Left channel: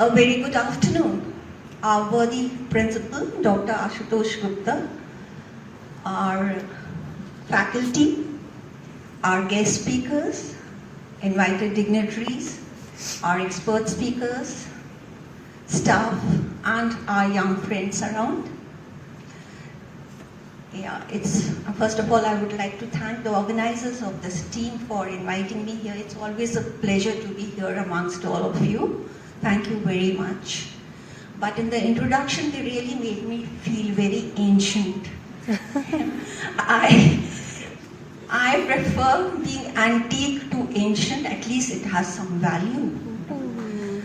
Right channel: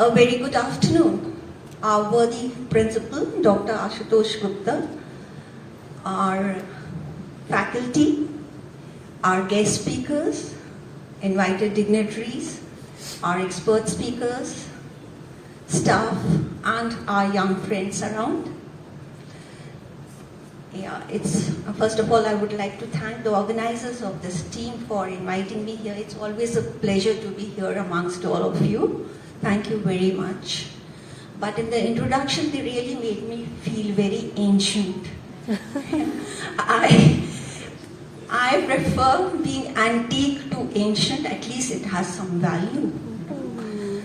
A very good afternoon. Our worthy principal, Dr. Gupta, our faculty, our guest speakers, invited dignitaries, our expert speakers, staff, and our young friends around. First of all, I would like to thank the organizers of this team for inviting me here. It's always a pleasure to be here amongst all of you. Thank you very much. But in the introduction, they really made me feel very ancient. I prefer being antique to ancient. At least it has some value.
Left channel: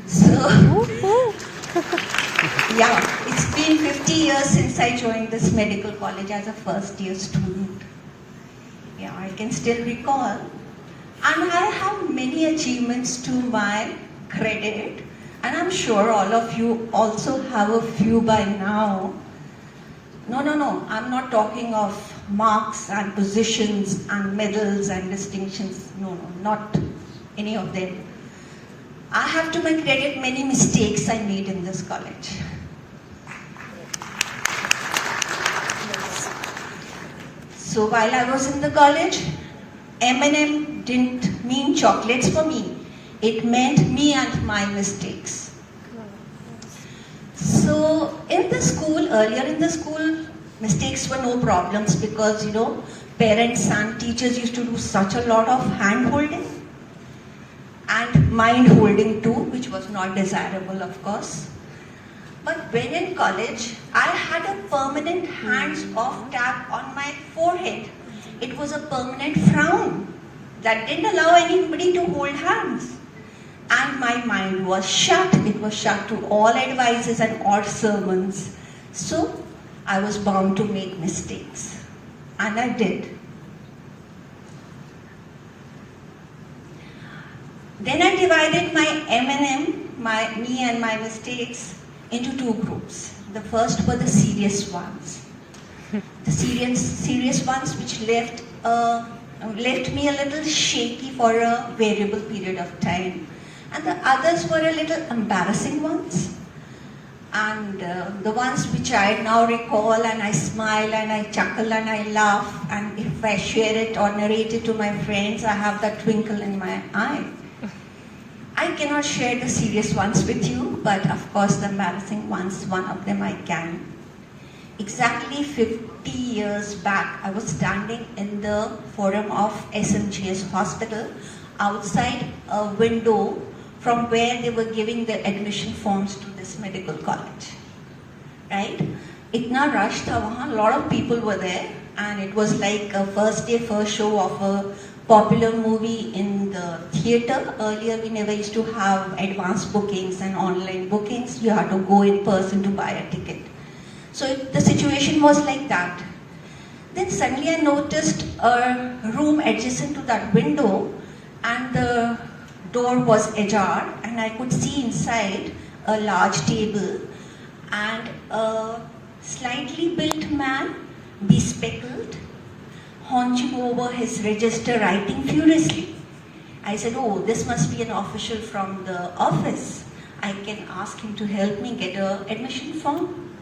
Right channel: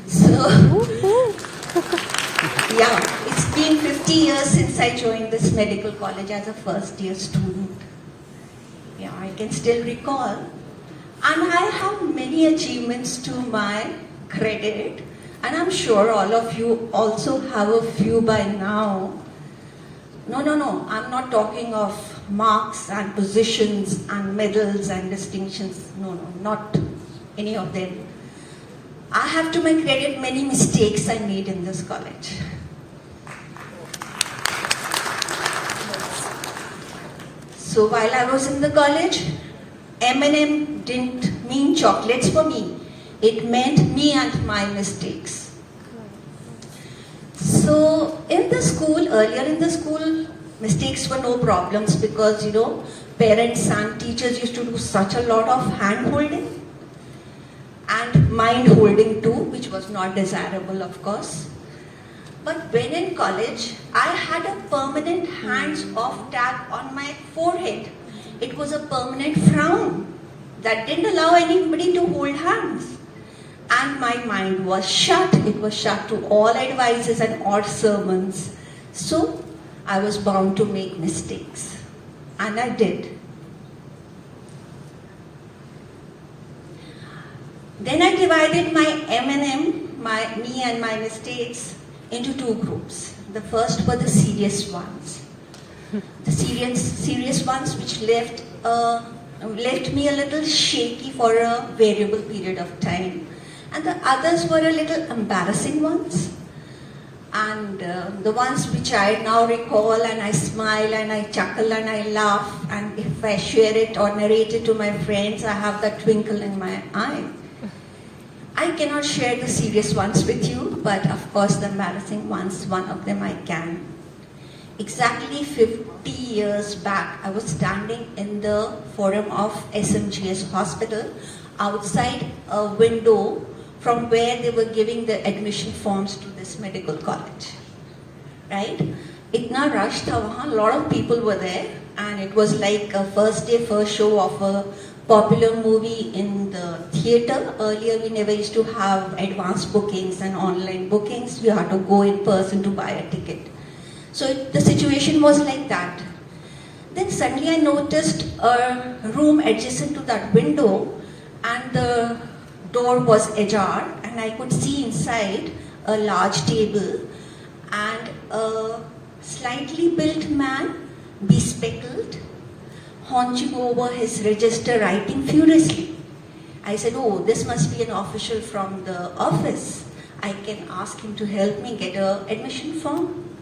So, yeah, it's been 50 years since I joined this medical college as a first year student. Yeah, I can still recall. And I have many achievements to my credit. And I'm sure all of you also have a few by now. No, I'm not talking of marks and positions and medals and distinctions. No, not any of them. I have to my credit many mistakes I made in this college. So while I was in the college, M&M didn't mean chocolates for me. It meant me and my mistakes. So earlier in the school, mistakes were no problems because, parents and teachers used to do such a lot of hand-holding and mind-holding too, which was not desirable, of course. But when in college, I had a permanent hands-off tag on my forehead. It was a permanent frown that didn't allow anybody to hold hands. And my mind was shut. It was shut to all advices and odd sermons. So I was bound to make mistakes. And I did. Then I divided my M&M, me and my mistakes, into two groups. The first were the serious ones. The serious ones which left me a little shaky for a variable period of time. And the others were a little embarrassing ones. And the ones which I now recall and I smile and I chuckle and I laugh, and if I share it or narrate it to my friends, I have that twinkle in my eye. I cannot share the serious ones with you, but of course the embarrassing ones, one of them I can. Exactly 50 years back, I was standing in the forum of SMGS hospital outside a window from where they were giving the admission forms to this medical college. Right? Itna rush tha wahan, a lot of people were there, and it was like a first day, first show of a popular movie in the theater. Earlier, we never used to have advanced bookings and online bookings. You had to go in person to buy a ticket. So the situation was like that. Then suddenly I noticed a room adjacent to that window, and the door was ajar, and I could see inside a large table and a slightly built man, bespectacled, hunching over his register, writing furiously. I said, oh, this must be an official from the office. I can ask him to help me get an admission form.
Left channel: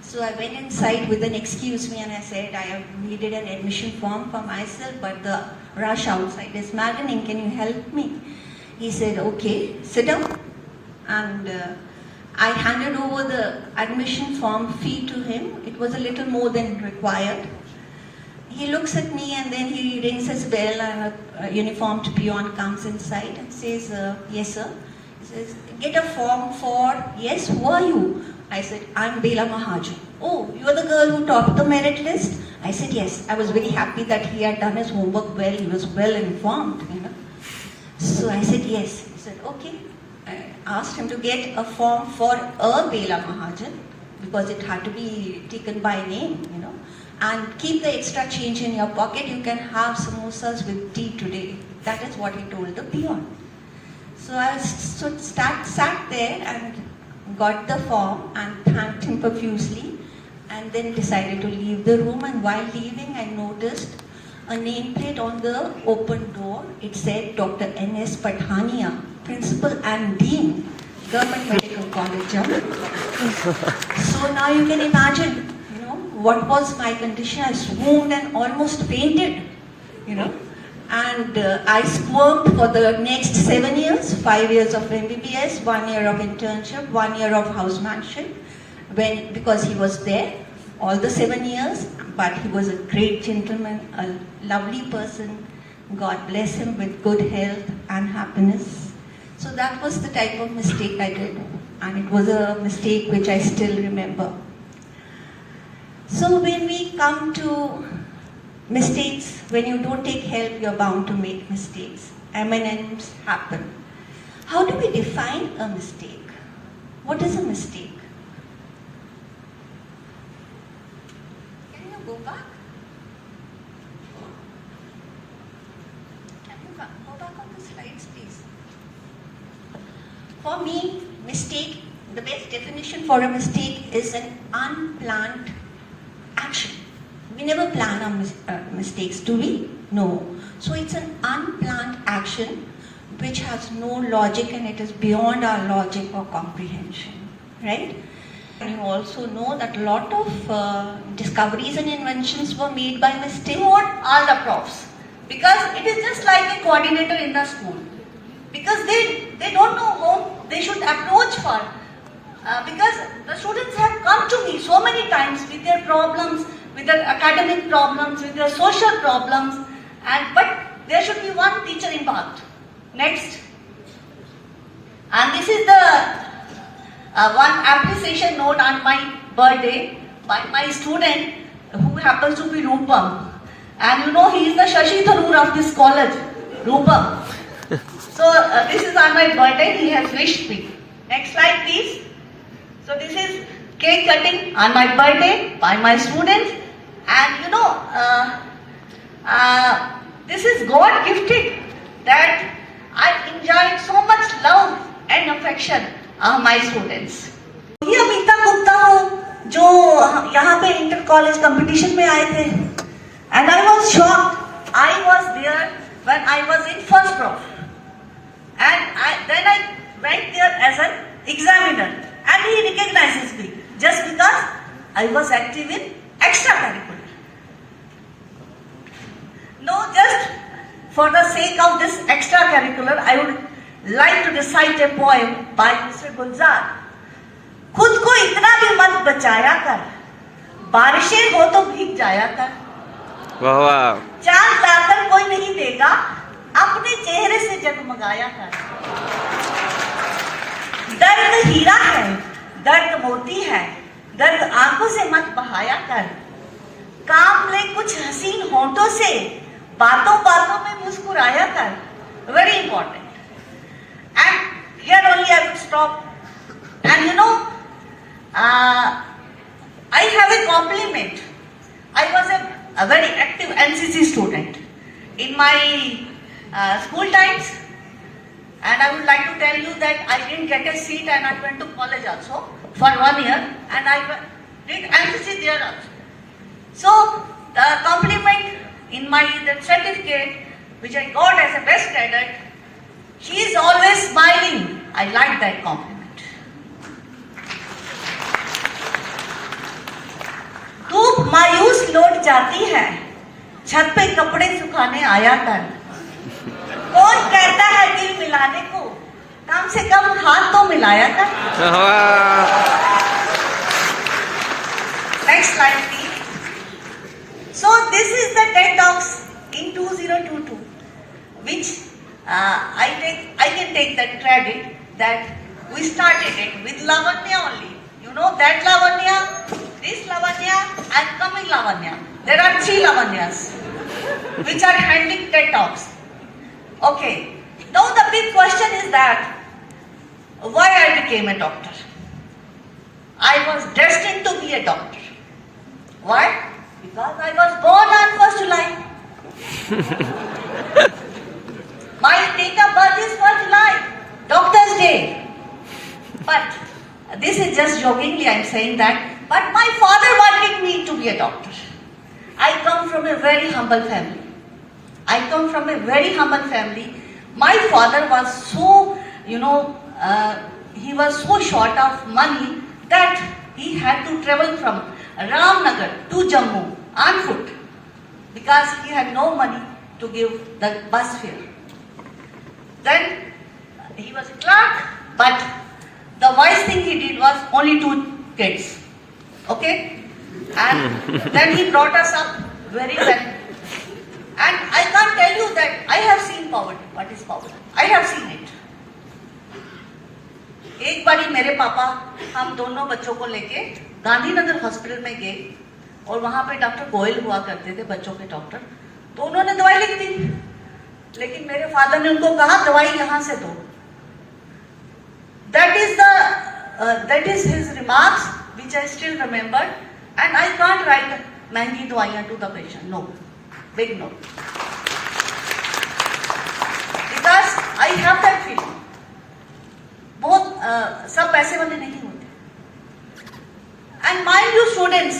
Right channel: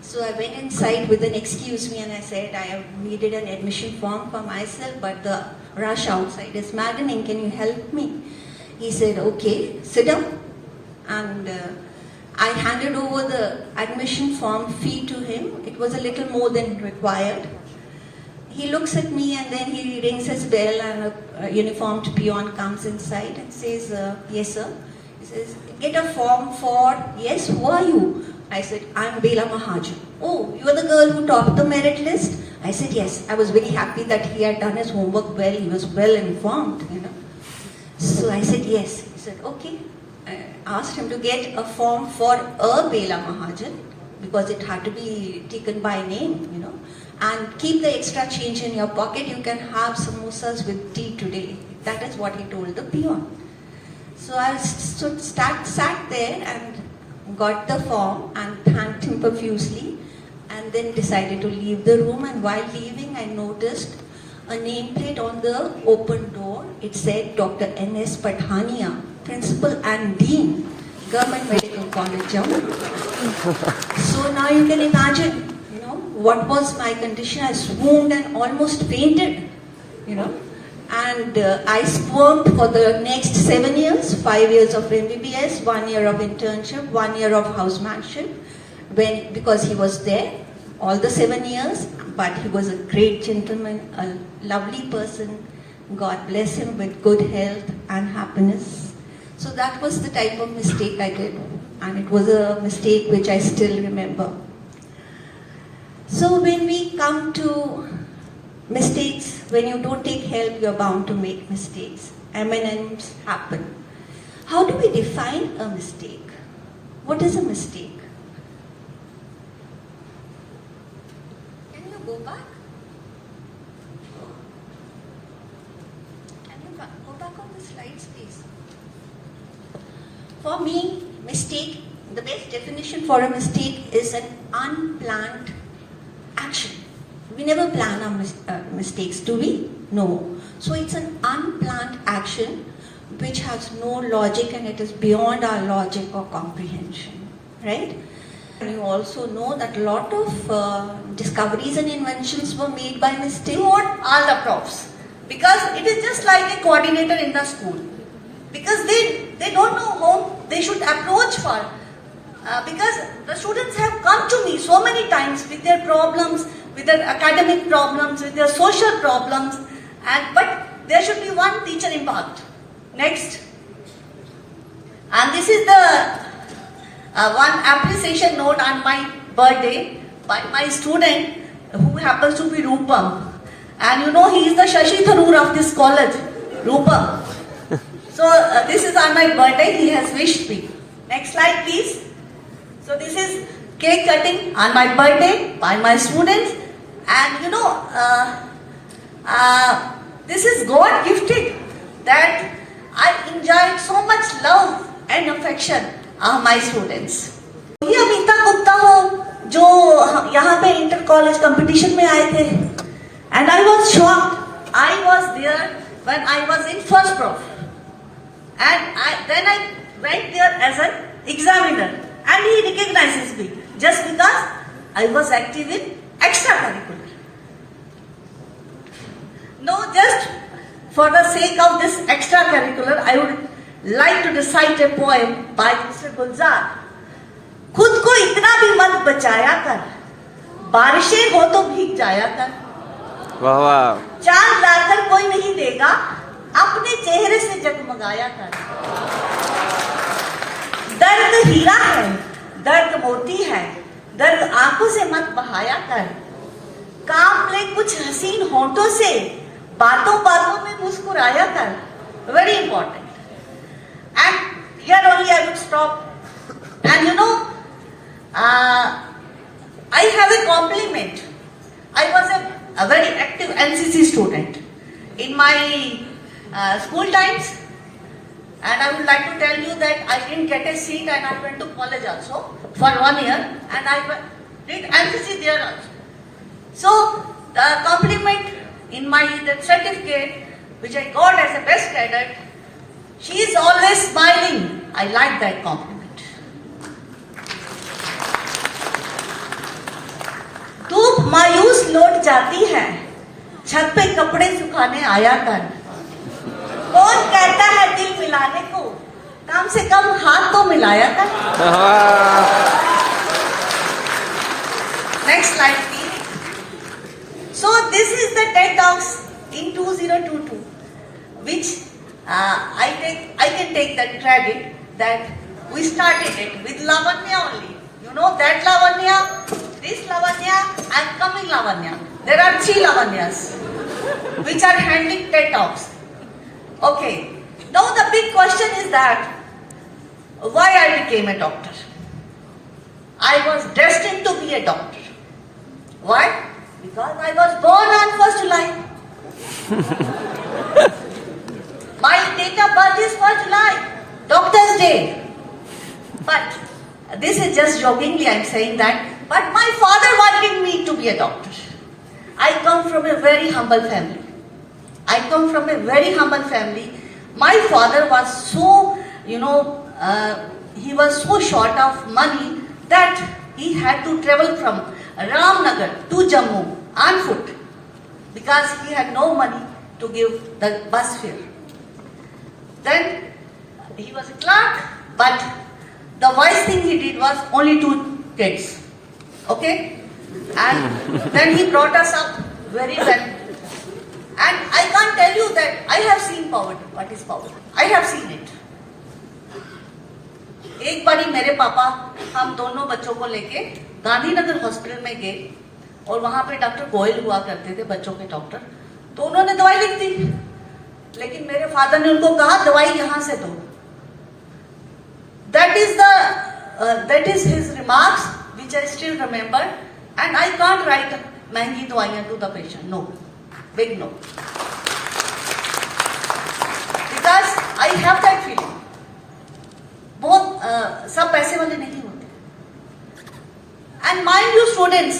So I went inside with an excuse me, and I said, I have needed an admission form for myself, but the rush outside is maddening. Can you help me? He said, okay, sit down. And I handed over the admission form fee to him. It was a little more than required. He looks at me and then he rings his bell, and a uniformed peon comes inside and says, yes sir. He says, get a form for, yes, who are you? I said, I'm Bela Mahajan. Oh, you are the girl who topped the merit list? I said, yes. I was very happy that he had done his homework well. He was well informed, So I said, yes. He said, okay. I asked him to get a form for a Bela Mahajan, because it had to be taken by name, and keep the extra change in your pocket. You can have samosas with tea today. That is what he told the peon. So I sat there and got the form and thanked him profusely, and then decided to leave the room. And while leaving, I noticed a nameplate on the open door. It said Dr. N.S. Pathania, Principal and Dean, Government Medical medical college jammu. So now you can imagine, what was my condition. I swooned and almost fainted, and I squirmed for the next 7 years, 5 years of MBBS, 1 year of internship, 1 year of housemanship, because he was there all the 7 years, but he was a great gentleman, a lovely person. God bless him with good health and happiness. So that was the type of mistake I did, and it was a mistake which I still remember. So when we come to mistakes, when you don't take help, you're bound to make mistakes. M&Ms happen. How do we define a mistake? What is a mistake? Can you go back? Can you go back on the slides, please? For me, mistake, the best definition for a mistake is an unplanned action. We never plan our mistakes, do we? No. So it's an unplanned action which has no logic, and it is beyond our logic or comprehension, right? And you also know that a lot of discoveries and inventions were made by mistake. What are the profs? Because it is just like a coordinator in the school. Because they don't know how they should approach for. Because the students have come to me so many times with their problems, with their academic problems, with their social problems, but there should be one teacher involved. Next. And this is the one appreciation note on my birthday by my student who happens to be Rupam. And he is the Shashi Tharoor of this college, Rupam. So this is on my birthday, he has wished me. Next slide please. So this is cake cutting on my birthday by my students, and this is God gifted that I enjoyed so much love and affection of my students. ये अमिता गुप्ता हो जो यहाँ पे inter college competition में आए थे, and I was shocked. I was there when I was in first prof, and then I went there as an examiner. And he recognizes me just because I was active in extracurricular. No, just for the sake of this extracurricular, I would like to recite a poem by Mr. Gulzar. खुद को इतना भी मत बचाया कर, बारिशें हो तो भीग जाया कर. वाह वाह. चांद लाकर कोई नहीं देगा, अपने चेहरे से जगमगाया कर. दर्द हीरा है, दर्द मोती है, दर्द आंखों से मत बहाया कर. काम ले कुछ हसीन होठों से, बातों बातों में मुस्कुराया कर. Very important. And here only I would stop. And I have a compliment. I was a very active NCC student in my school times. And I would like to tell you that I didn't get a seat, and I went to college also for 1 year, and I did NCC there also. So the compliment in the certificate which I got as a best cadet, she is always smiling. I like that compliment. धूप मायूस लौट जाती है, छत पे कपड़े सुखाने आया कर. कौन कहता है दिल मिलाने को, कम से कम हाथ तो मिलाया कर. Next slide please. So this is the TEDx in 2022, which I can take that credit that we started it with Lavanya only. You know that Lavanya, this Lavanya and coming Lavanya. There are 3 Lavanyas which are handling TEDx. Okay, now the big question is that why I became a doctor. I was destined to be a doctor. Why? Because I was born on 1st July. My date of birth is 1st July, Doctor's Day. But this is just jokingly I am saying that. But my father wanted me to be a doctor. I come from a very humble family. My father was so, he was so short of money that he had to travel from Ramnagar to Jammu on foot because he had no money to give the bus fare. Then he was a clerk, but the wise thing he did was only 2 kids. Okay? And then he brought us up very well. And I can't tell you that I have seen poverty. What is poverty? I have seen it. एक बारी मेरे पापा हम दोनों बच्चों को लेके Gandhinagar hospital में गए और वहां पे डॉक्टर गोयल हुआ करते थे, बच्चों के डॉक्टर. तो उन्होंने दवाई लिख दी, लेकिन मेरे फादर ने उनको कहा दवाई यहां से दो. That is his remarks which I still remember, and I can't write महंगी दवाइयां to the patient. No, big no. Because I have that feeling. बहुत सब पैसे वाले नहीं होते. And mind you students,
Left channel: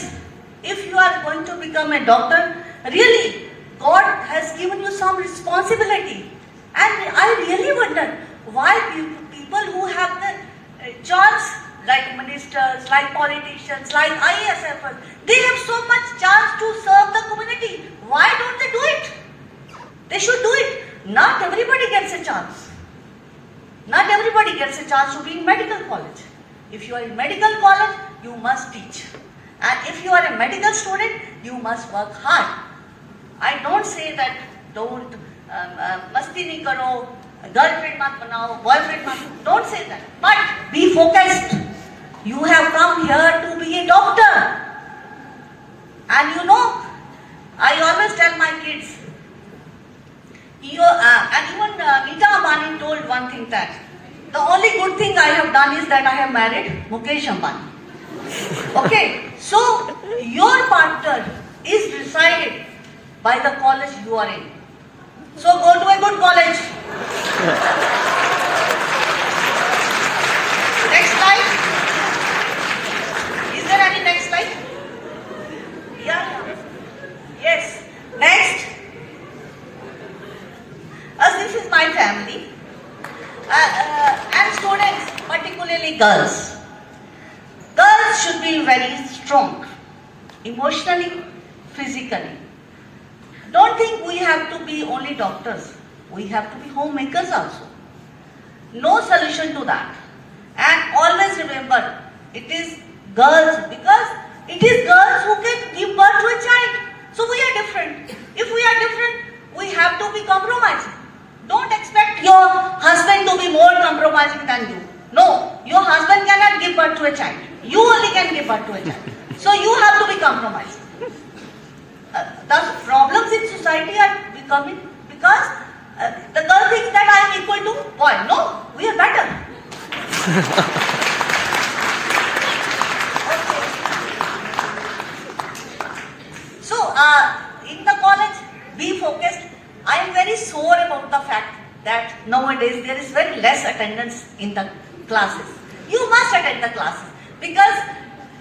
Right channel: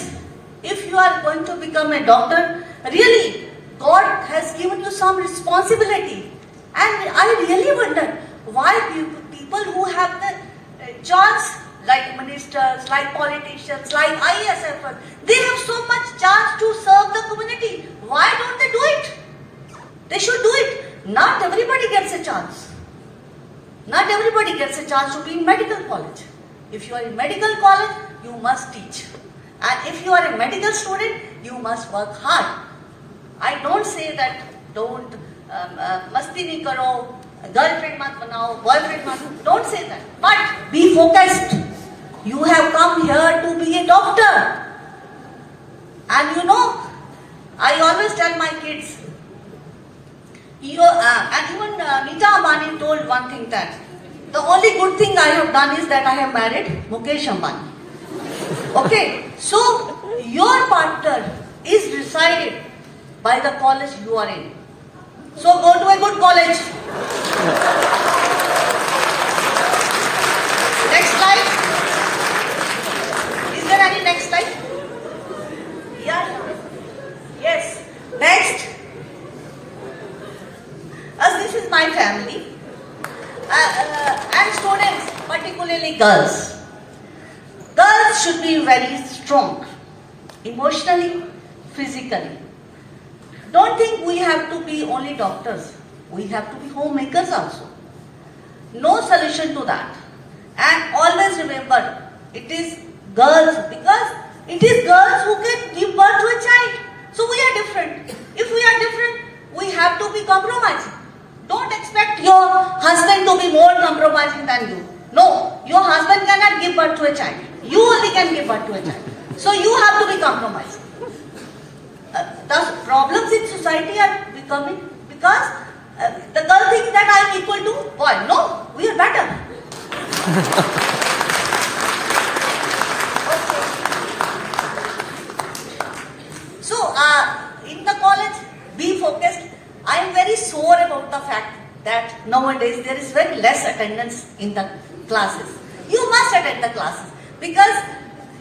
if you are going to become a doctor, really God has given you some responsibility. And I really wonder why people who have the chance, like ministers, like politicians, like IASFers, they have so much chance to serve the community. Why don't they do it? They should do it. Not everybody gets a chance. Not everybody gets a chance to be in medical college. If you are in medical college, you must teach. And if you are a medical student, you must work hard. I don't say that don't masti nahi karo, girlfriend mat banao, boyfriend mat. Don't say that. But be focused. You have come here to be a doctor. And you know, I always tell my kids, and even Amita Ambani told one thing, that the only good thing I have done is that I have married Mukesh Ambani. Okay, so your partner is decided by the college you are in. So go to a good college. Next slide. Is there any next slide? Yeah. Yes. Next. As this is my family. And students, particularly girls. Girls should be very strong, emotionally, physically. Don't think we have to be only doctors. We have to be homemakers also. No solution to that. And always remember, it is girls, because it is girls who can give birth to a child. So we are different. If we are different, we have to be compromising. Don't expect your husband to be more compromising than you. No, your husband cannot give birth to a child. You only can give birth to a child. So you have to be compromising. The problems in society are becoming because the girl thinks that I am equal to boy. No, we are better. Okay. So in the college, be focused. I am very sore about the fact that nowadays there is very less attendance in the classes. You must attend the classes because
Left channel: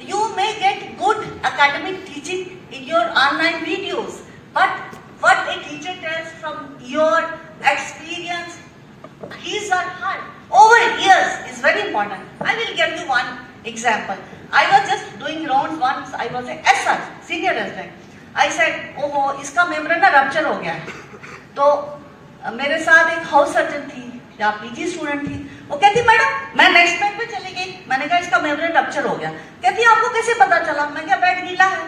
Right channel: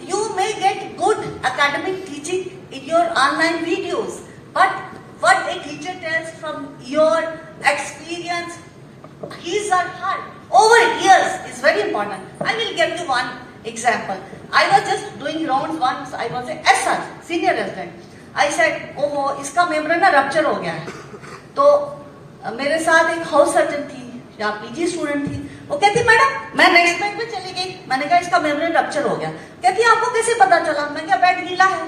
you may get good academic teaching in your online videos. But what a teacher tells from your experience, his or her, over years is very important. I will give you one example. I was just doing rounds once. I was a SR, senior resident. I said, oh, इसका membrane ना rupture हो गया है. तो मेरे साथ एक house surgeon थी या पीजी स्टूडेंट थी. वो कहती मैडम मैं नेक्स्ट बैंक में चली गई. मैंने कहा इसका मेम्ब्रेन रप्चर हो गया. कहती आपको कैसे पता चला? मैं क्या बेड गीला है.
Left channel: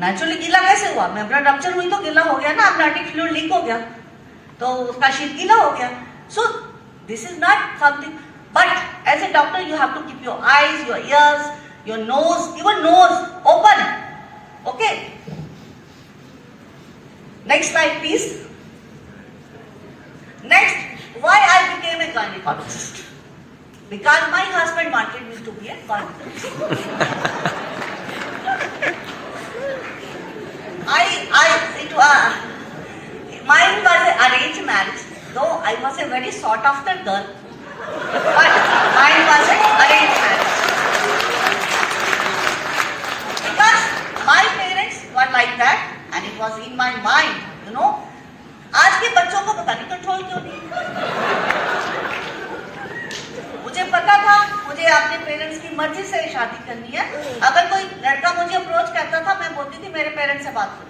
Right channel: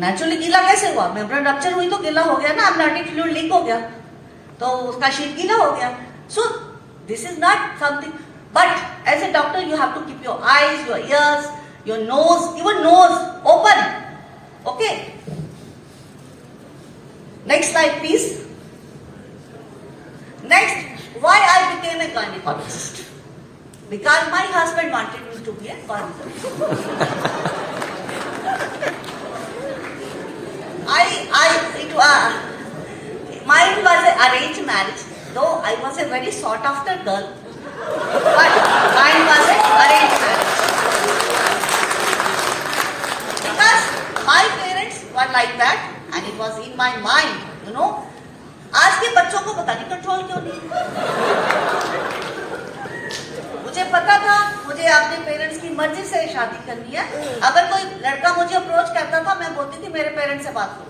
नेचुरली गीला कैसे हुआ? मेम्ब्रेन रप्चर हुई तो गीला हो गया ना. अमनियोटिक फ्लूइड लीक हो गया तो उसका शीट गीला हो गया. So this is not something. But as a doctor you have to keep your eyes, your ears, your nose, even nose open. Okay. Next slide, please. Next, why I became a gynecologist? Because my husband wanted me to be a gynecologist. Mine was an arranged marriage, though I was a very sought after girl. But mine was an arranged marriage. Because my parents were like that, and it was in my mind, you know. आज के बच्चों को पता नहीं control क्यों नहीं. मुझे अपने पेरेंट्स की मर्जी से शादी करनी है। अगर कोई लड़का मुझे अप्रोच करता था, मैं बोलती थी मेरे पेरेंट्स से बात करो।